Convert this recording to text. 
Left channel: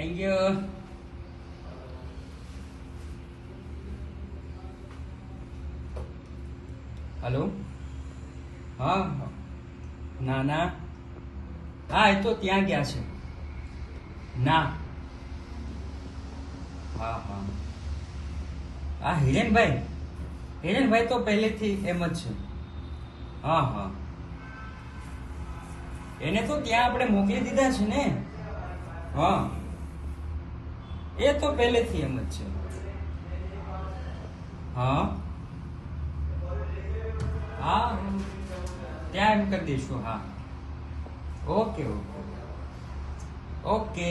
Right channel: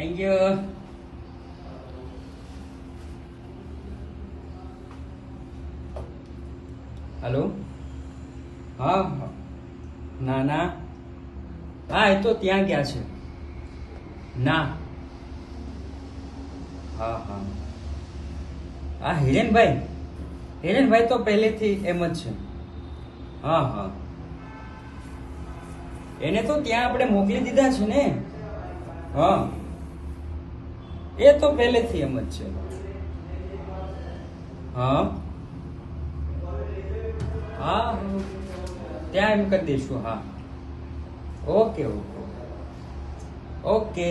Thank you. Hello. હા હા. ના ના, હા એ તો ત્યાં ગયા છે. ના. હા હા હા. હિરેનભાઈ તો પહેલેથી એમ જ છે. હા હા, એને તો ત્યાં આપણે મોકલી દીધા છે ને. હા, એ તો પહેલેથી એમ જ છે. હા હા, ત્યાં એમ કરી દઈશું. હા, ઓકે ઓકે ઓકે.